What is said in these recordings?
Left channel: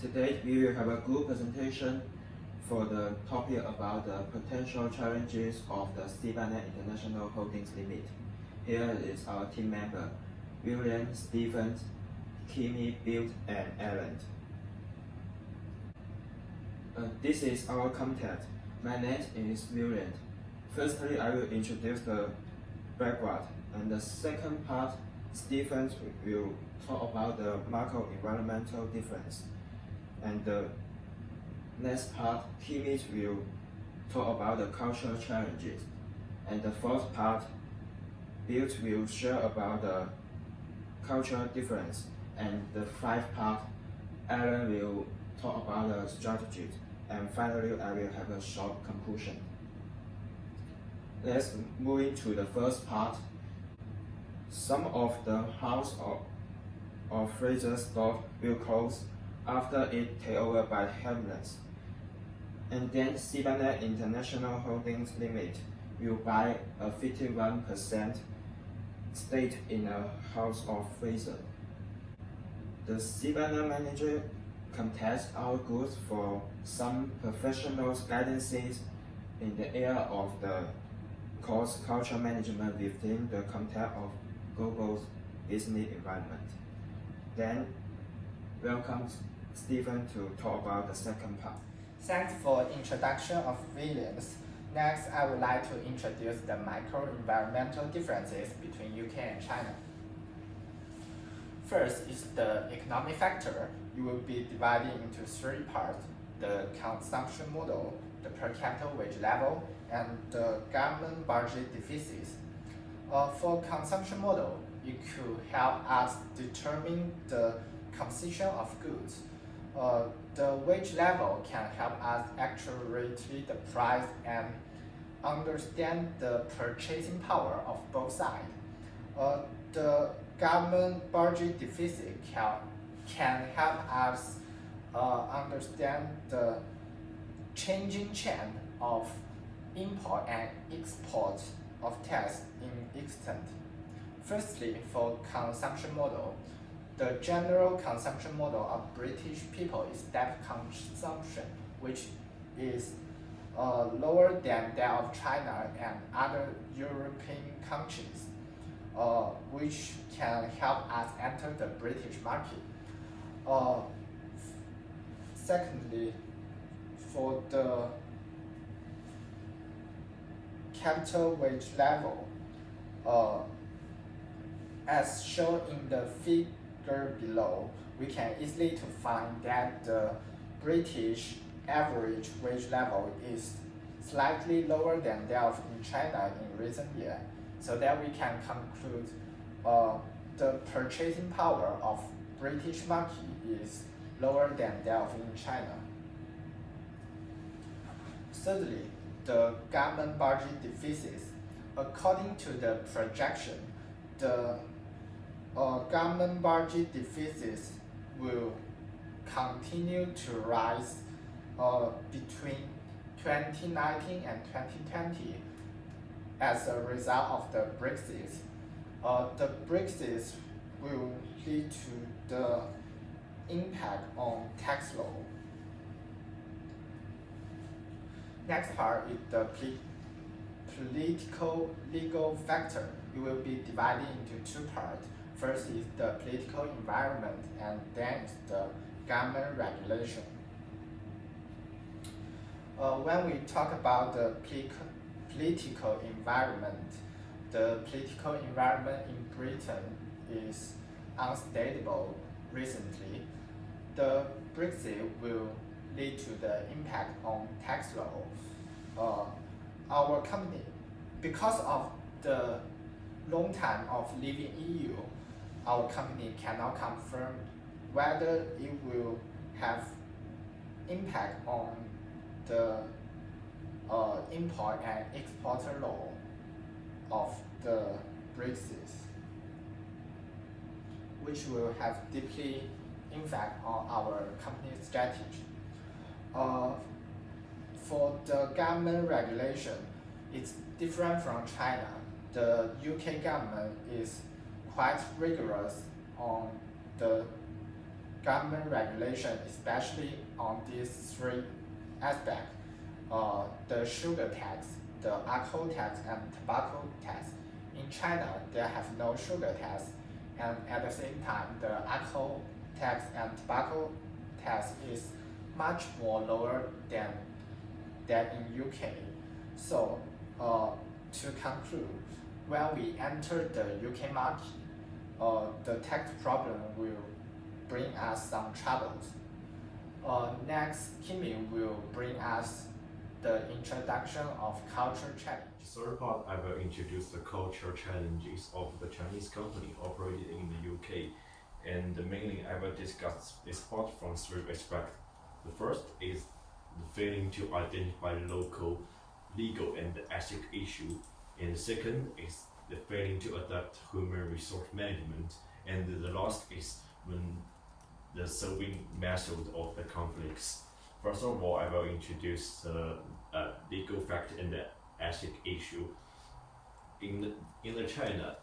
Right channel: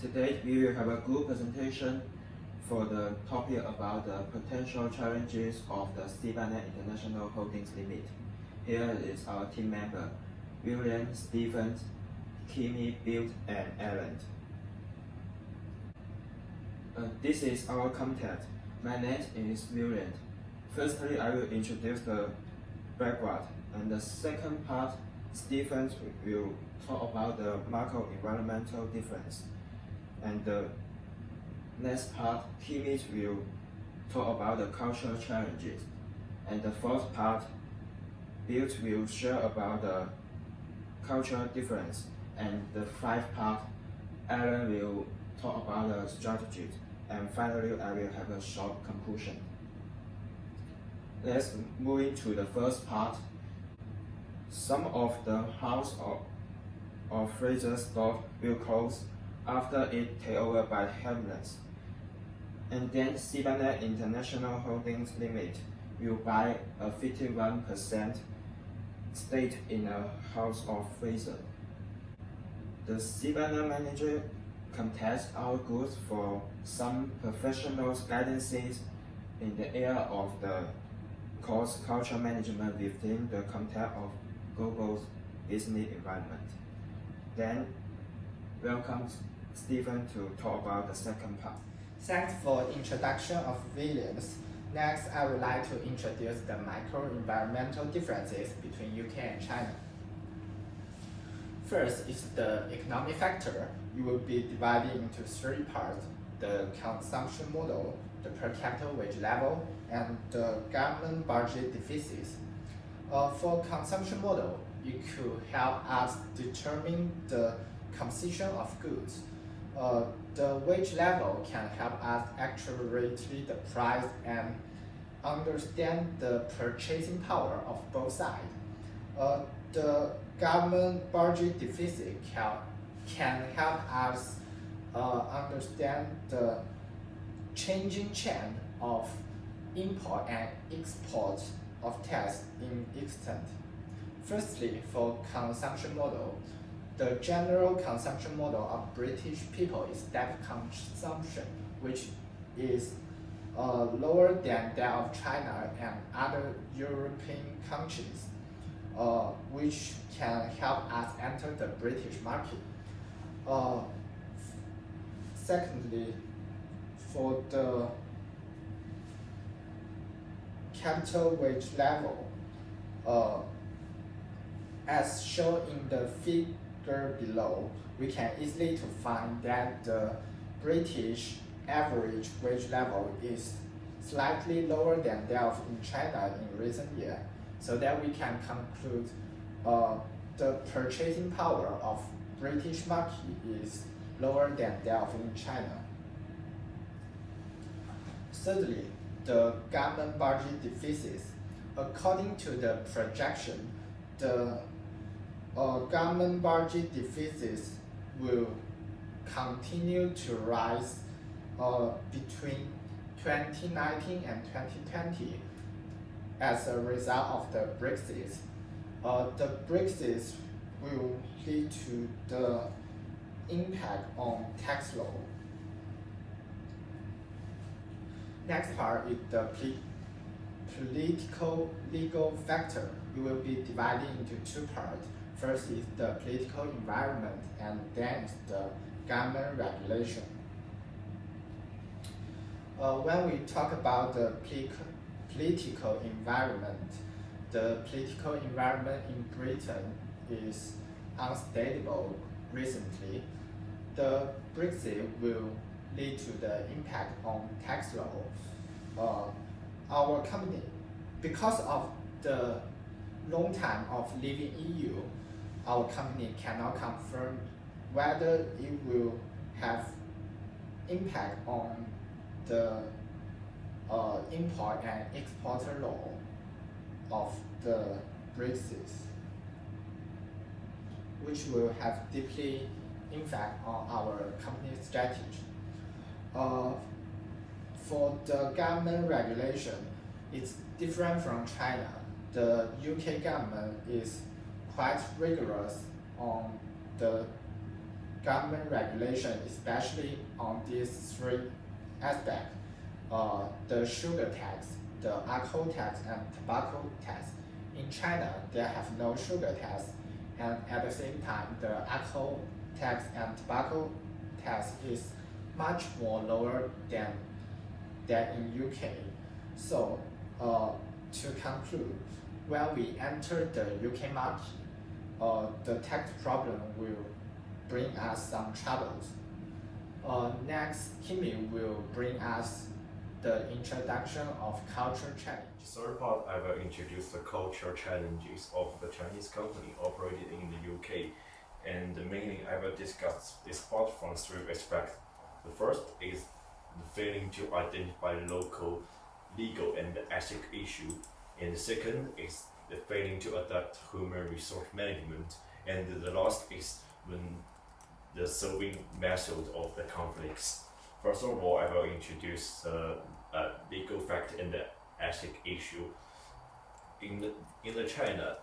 Today we will have a good presentation for the topic about the potential challenges of the CBANet International Holdings Limit. Here is our team member, William, Stephen, Kimi, Bill, and Aaron. This is our content. My name is William. Firstly, I will introduce the background, and the second part, Stephen will talk about the macro-environmental difference. And the next part, Kimi will talk about the cultural challenges. And the fourth part, Bill will share about the cultural difference. And the fifth part, Aaron will talk about the strategies. And finally, I will have a short conclusion. Let's move into the first part. Some of the house or Fraser store will close after it taken over by Hamleys. And then CBANet International Holdings Limit will buy a 51% stake in a house of Fraser. The CBANet manager contests our goods for some professional guidances in the area of the cost culture management within the context of global business environment. Then, welcome Stephen to talk about the second part. Thanks for introduction of Williams. Next, I would like to introduce the micro-environmental differences between UK and China. First is the economic factor. You will be divided into three parts: the consumption model, the per capita wage level, and the government budget deficits. For consumption model, it could help us determine the composition of goods. The wage level can help us accurately the price and understand the purchasing power of both sides. The government budget deficit can help us understand the changing trend of import and export of tax in extent. Firstly, for consumption model, the general consumption model of British people is that consumption, which is lower than that of China and other European countries, which can help us enter the British market. Secondly, for the capital wage level, as shown in the figure below, we can easily to find that the British average wage level is slightly lower than that of in China in recent years, so that we can conclude the purchasing power of British market is lower than that of in China. Thirdly, the government budget deficits. According to the projection, the government budget deficits will continue to rise between 2019 and 2020 as a result of the Brexit. The Brexit will lead to the impact on tax law. Next part is the political legal factor. It will be divided into two parts. First is the political environment, and then is the government regulation. When we talk about the political environment, the political environment in Britain is unstable recently. The Brexit will lead to the impact on tax law. Our company, because of the long time of leaving EU, our company cannot confirm whether it will have impact on the import and exporter law of the Brexit, which will have deeply impact on our company's strategy. For the government regulation, it's different from China. The UK government is quite rigorous on the government regulation, especially on these three aspects: the sugar tax, the alcohol tax, and tobacco tax. In China, there have no sugar tax, and at the same time, the alcohol tax and tobacco tax is much more lower than in UK. So, to conclude, when we enter the UK market, the tax problem will bring us some troubles. Next, Kimi will bring us the introduction of culture challenge. The third part, I will introduce the cultural challenges of the Chinese company operated in the UK. And mainly, I will discuss this part from three aspects. The first is the failing to identify local, legal, and ethic issue. And the second is the failing to adapt human resource management. And the last is when the solving method of the conflicts. First of all, I will introduce the legal fact and the ethic issue. In the China,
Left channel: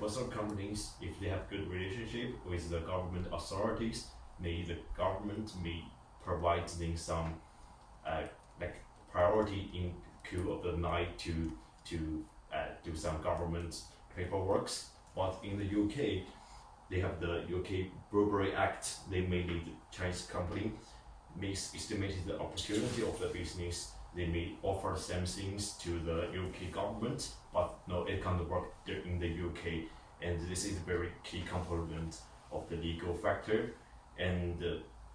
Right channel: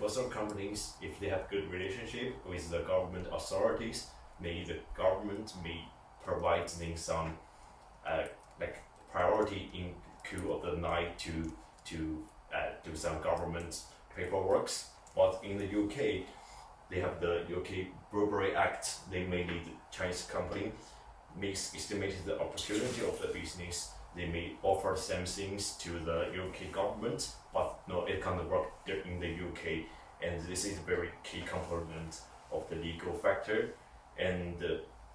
most of companies, if they have good relationship with the government authorities, maybe the government may provide them some like priority in queue of the night to do some government paperwork. But in the UK, they have the UK Burberry Act. They made the Chinese company estimated the opportunity of the business. They may offer some things to the UK government, but no, it can't work in the UK. And this is a very key component of the legal factor. And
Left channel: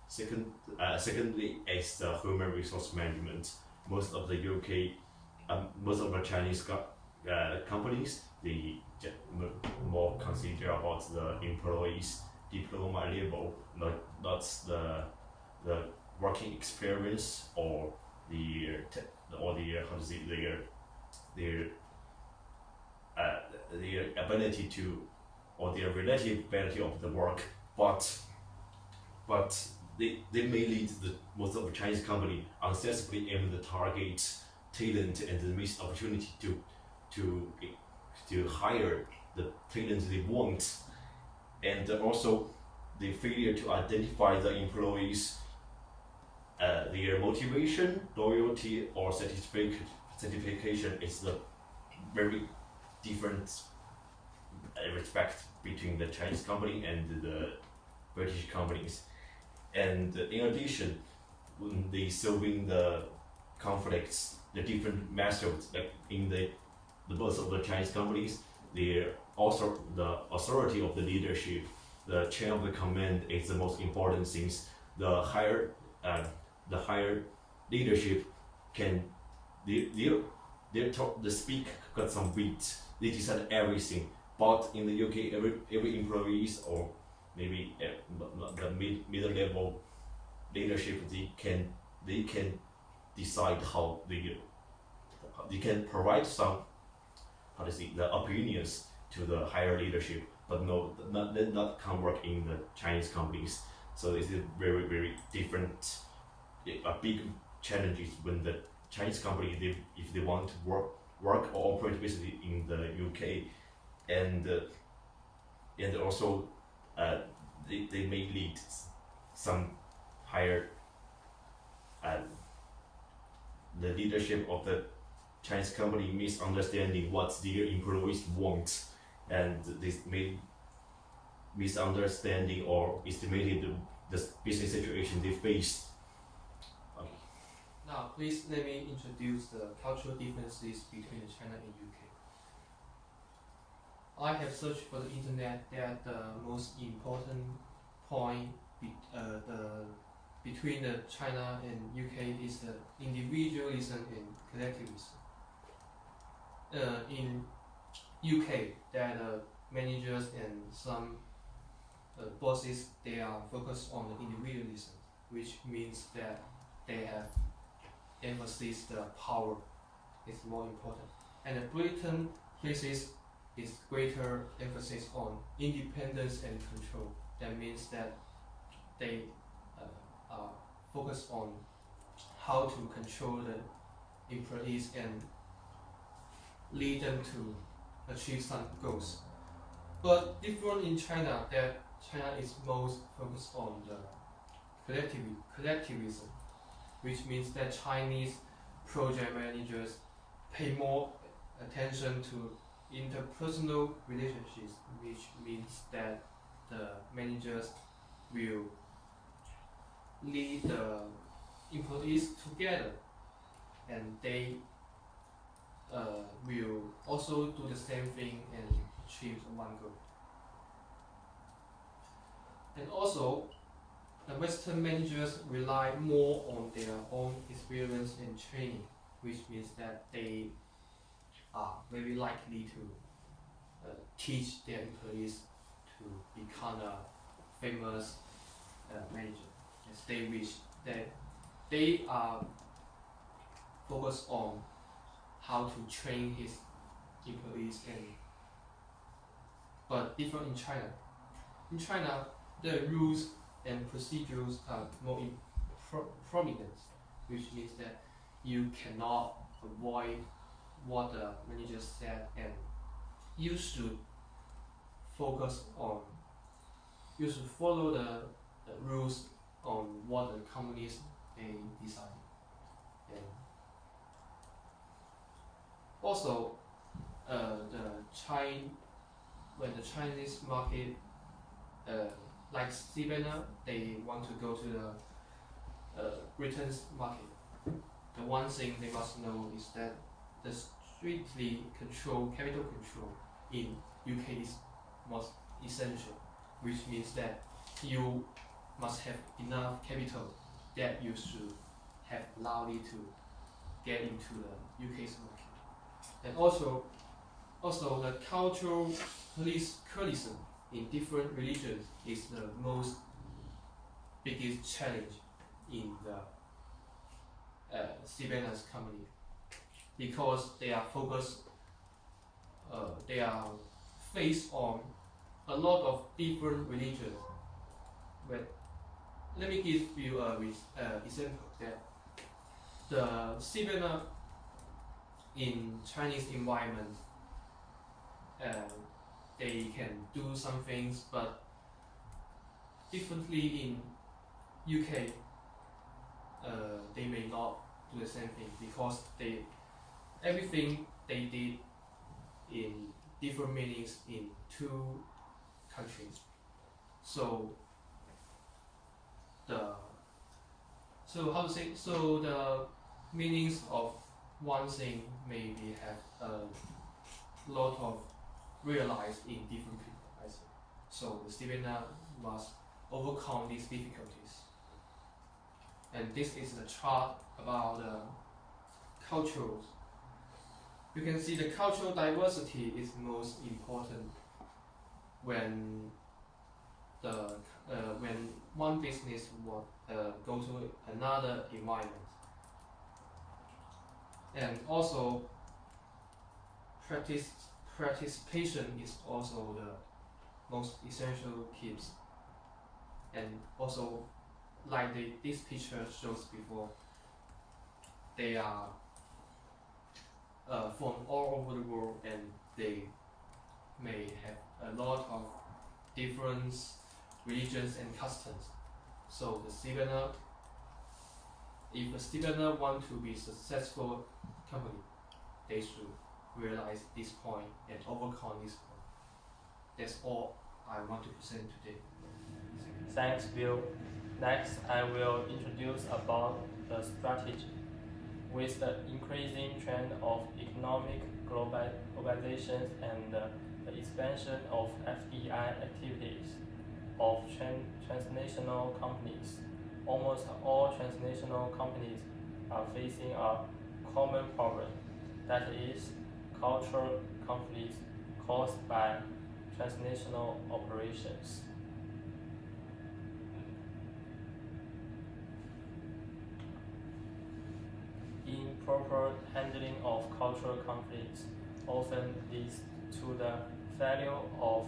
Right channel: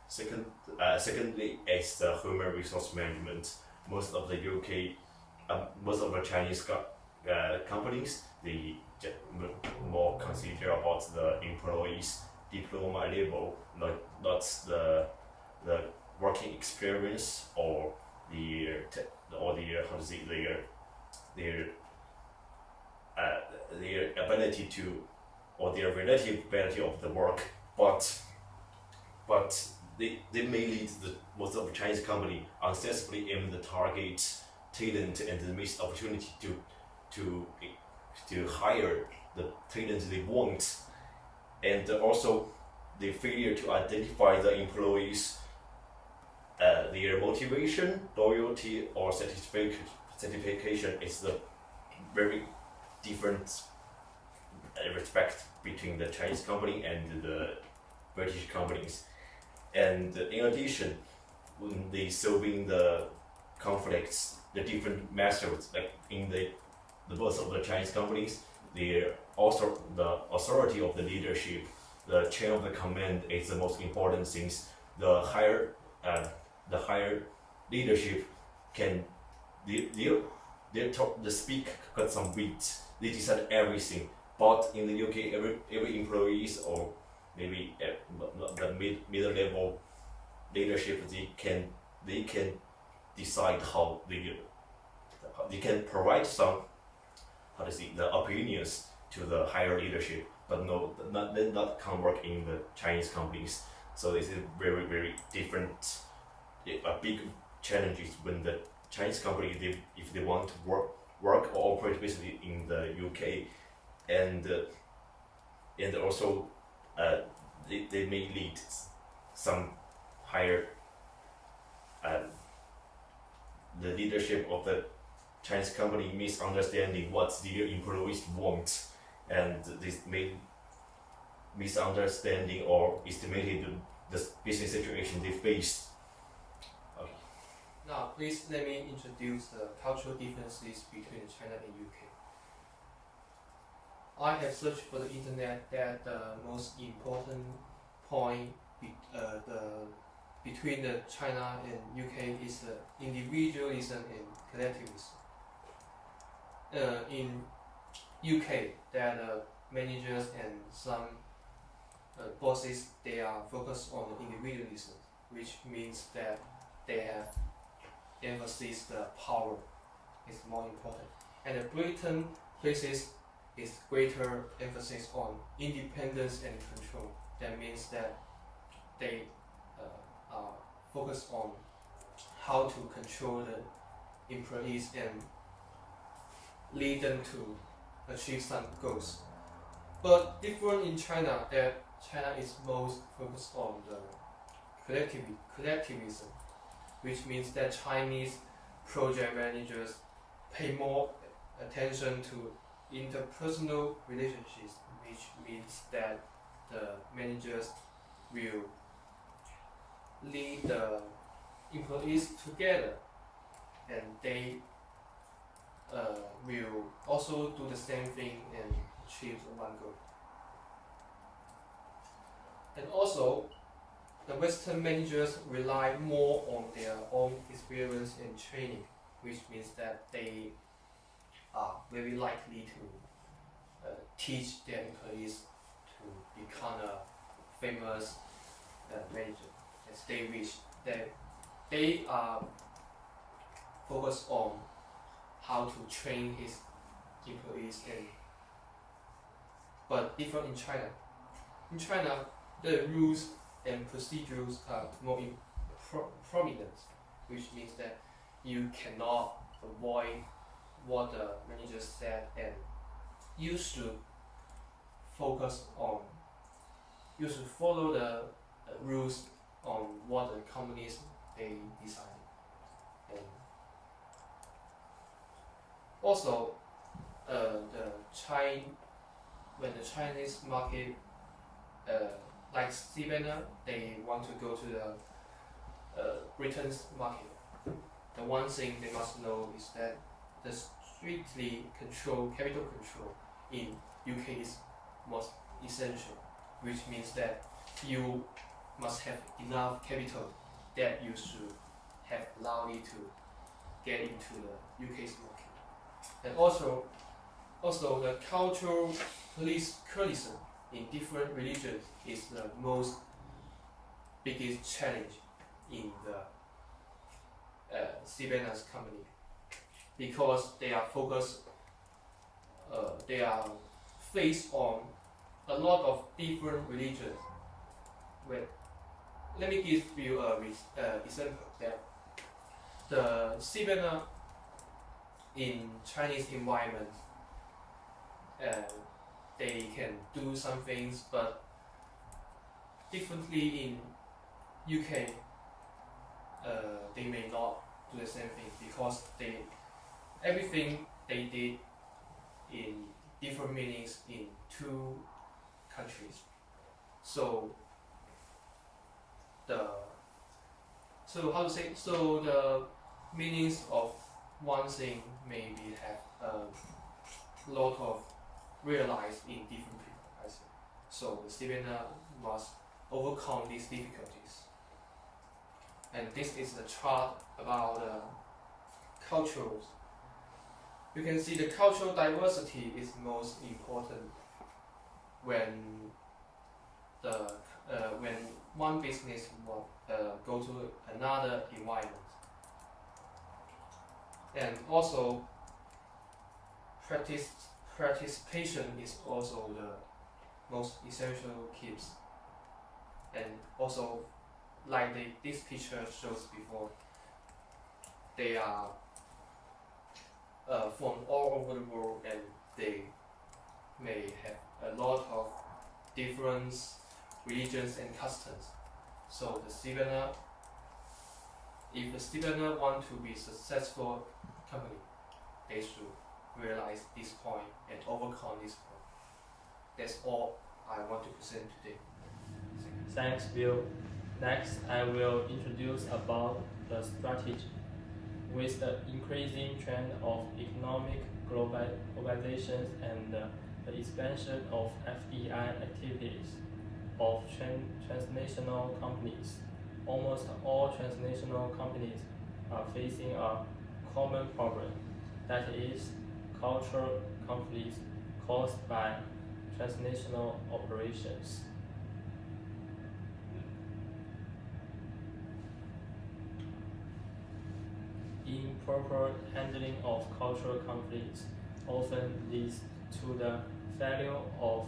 secondly, is the human resource management. Most of the most of the Chinese companies, they more consider about the employees' diploma level, not the working experience or their ability to, or their relative ability of the work, but they may lead most of the Chinese company unsuccessfully aim the target talent and miss opportunity to hire the talent they want, and also the failure to identify the employees' their motivation, loyalty, or satisfaction is the very different respect between the Chinese company and the British companies. And in addition, when they solving the conflicts, the different methods, like in the most of the Chinese companies, they also the authority of the leadership, the chain of the command is the most important things. The higher leadership can the speak got some weight. They decide everything. But in the UK, every employees or maybe the middle level leadership, they can decide how they can provide some the opinions to the higher leadership, but not can work in the Chinese companies. So this is very, very different, a big challenges when the Chinese company, if they want to work or operate basically in the UK, and also they may lead some higher the leadership of the Chinese company misunderstanding what their employees want, and this may misunderstanding or estimated the business situation they face. Okay. Now, please let me introduce the cultural differences between China and UK. I have searched for the internet that the most important point between the China and UK is the individualism and collectivism. In UK, there are managers and some bosses, they are focused on the individualism, which means that they have emphasis the power is more important. And the Britain places is greater emphasis on independence and control. That means that they are focused on how to control the employees and lead them to achieve some goals. But different in China, that China is most focused on the collectivism, which means that Chinese project managers pay more attention to interpersonal relationships, which means that the managers will lead the employees together, and they will also do the same thing and achieve one goal. And also, the Western managers rely more on their own experience and training, which means that they are very likely to teach their employees to become a famous manager, as they wish that they are focused on how to train his employees, but different in China. In China, the rules and procedures are more prominent, which means that you cannot avoid what the manager said, and you should follow the rules on what the companies they decided. And also, when the Chinese market like Sibena, they want to go to the Britain's market. The one thing they must know is that the strictly capital control in UK is most essential, which means that you must have enough capital that you should have allowed it to get into the UK's market. And also the cultural pluralism in different religions is the most biggest challenge in the Sibena's company, because they are faced on a lot of different religions. Let me give you an example that the Sibena in Chinese environment, they can do some things, but differently in UK, they may not do the same thing, because everything they did in different meanings in two countries. So the meanings of one thing maybe have a lot of realized in different people, I think. So the Sibena must overcome these difficulties. And this is the chart about the cultures. You can see the cultural diversity is most important when when one business will go to another environment. And also, participation is also the most essential keys. And also, like this picture shows before, they are from all over the world, and they may have a lot of different religions and customs. So the Sibena, if the Sibena want to be successful company, they should realize this point and overcome this point. That's all I want to present today. Thanks, Bill. Next, I will introduce about the strategy. With the increasing trend of economic globalization and the expansion of FDI activities of transnational companies, almost all transnational companies are facing a common problem, that is, cultural conflicts caused by transnational operations. Improper handling of cultural conflicts often leads to the failure of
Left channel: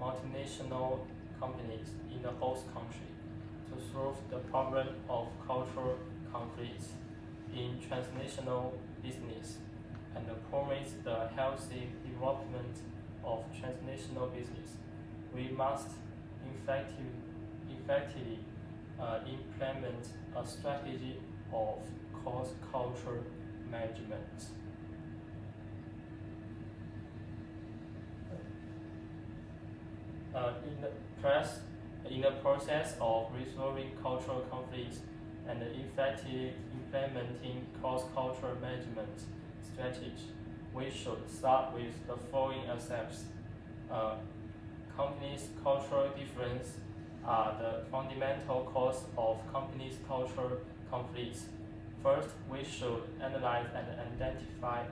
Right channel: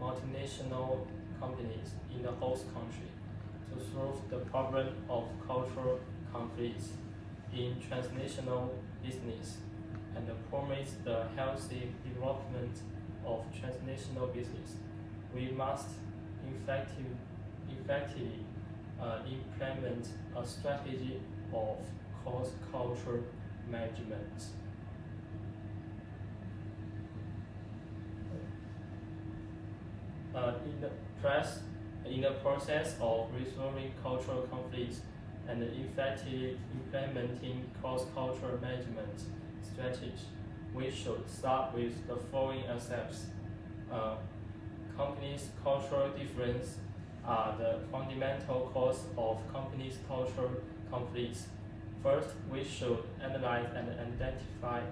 multinational companies in the host country to solve the problem of cultural conflicts in transnational business and promote the healthy development of transnational business. We must effectively implement a strategy of cross-cultural management. In the process of resolving cultural conflicts and effectively implementing cross-cultural management strategies, we should start with the following aspects. Companies' cultural differences are the fundamental cause of companies' cultural conflicts. First, we should analyze and identify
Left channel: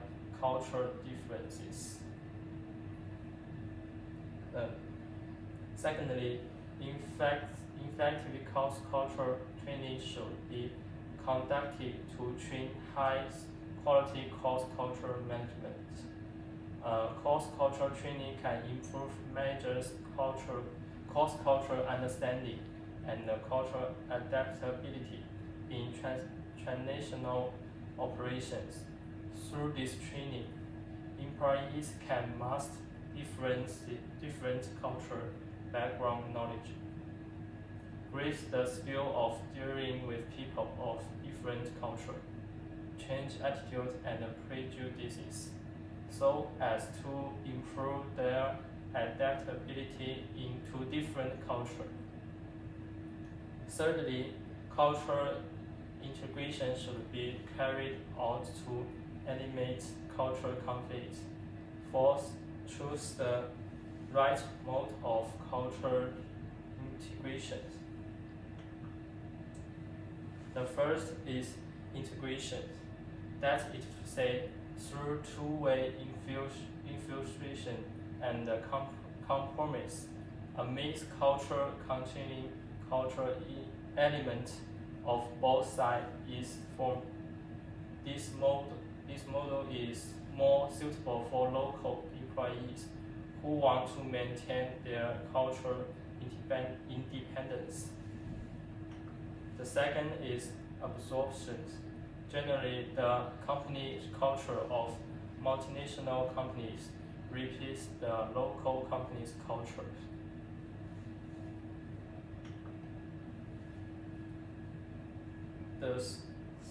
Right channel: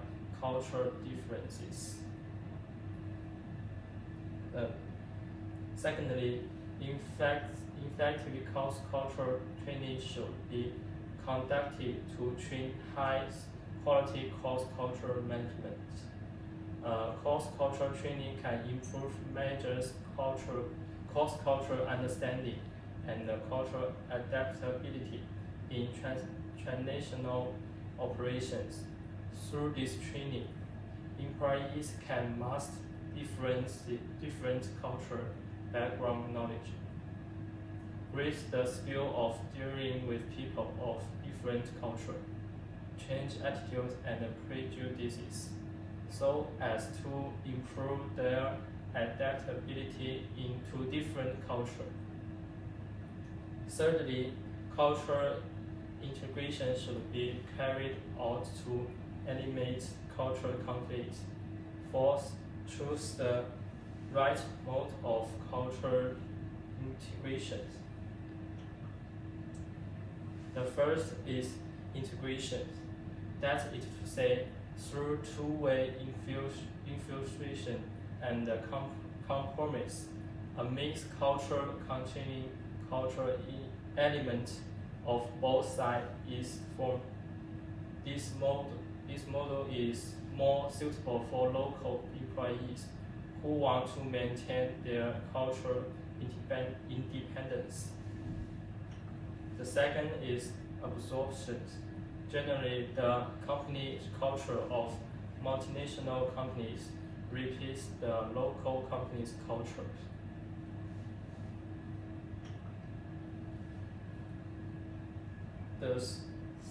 cultural differences. Secondly, effective cross-cultural training should be conducted to train high-quality cross-cultural management. Cross-cultural training can improve managers' cross-cultural understanding and cultural adaptability in transnational operations. Through this training, employees can master different cultural background knowledge, raise the skill of dealing with people of different culture, change attitudes and prejudices, so as to improve their adaptability into different culture. Thirdly, cultural integration should be carried out to eliminate cultural conflicts. Fourth, choose the right mode of cultural integration. The first is integration, that is to say, through two-way infiltration and compromise, a mixed culture containing cultural elements of both sides is formed. This model is more suitable for local employees who want to maintain their cultural independence. The second is absorption. Generally, the company culture of multinational companies repeats the local company's culture. The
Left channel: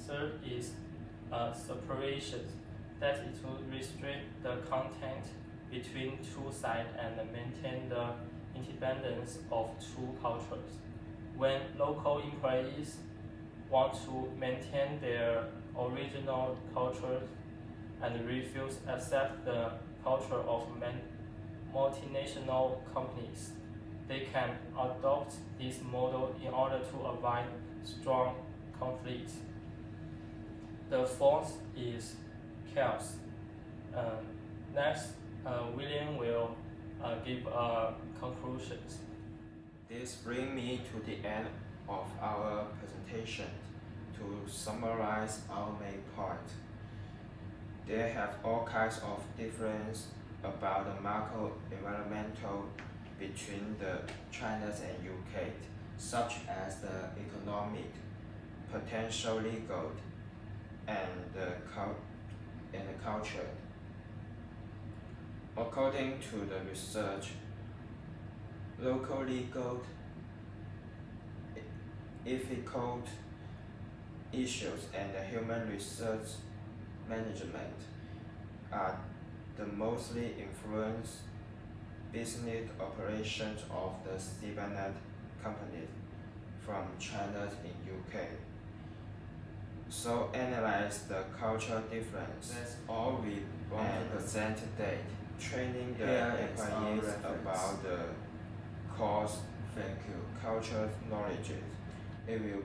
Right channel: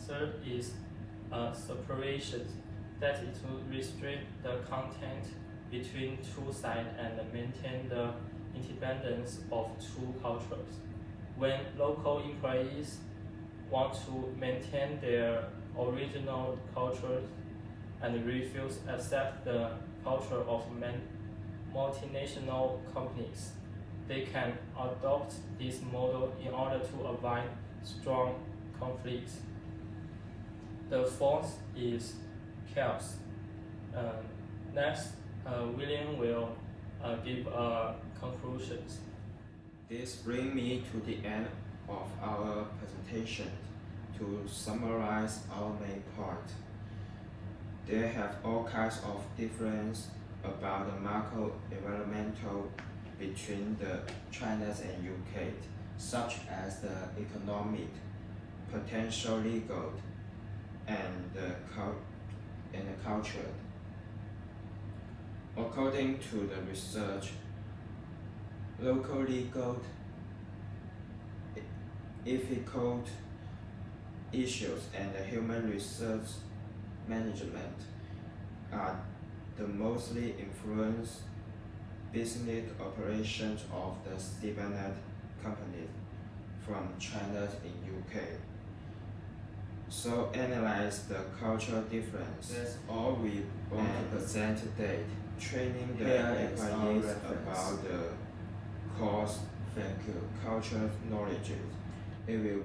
third is separation, that is to restrict the content between two sides and maintain the independence of two cultures. When local employees want to maintain their original culture and refuse to accept the culture of multinational companies, they can adopt this model in order to avoid strong conflicts. The fourth is chaos. Next, William will give conclusions. This brings me to the end of our presentation. To summarize our main point, there have all kinds of difference about the macro environmental between the China and UK, such as the economic, potential legal, and the culture. According to the research, local legal, ethical issues and the human resource management are the mostly influence business operations of the Stevenet company from China in UK. So analyze the cultural difference. That's all we want to present today. Training the employees about the course, cultural knowledge. It will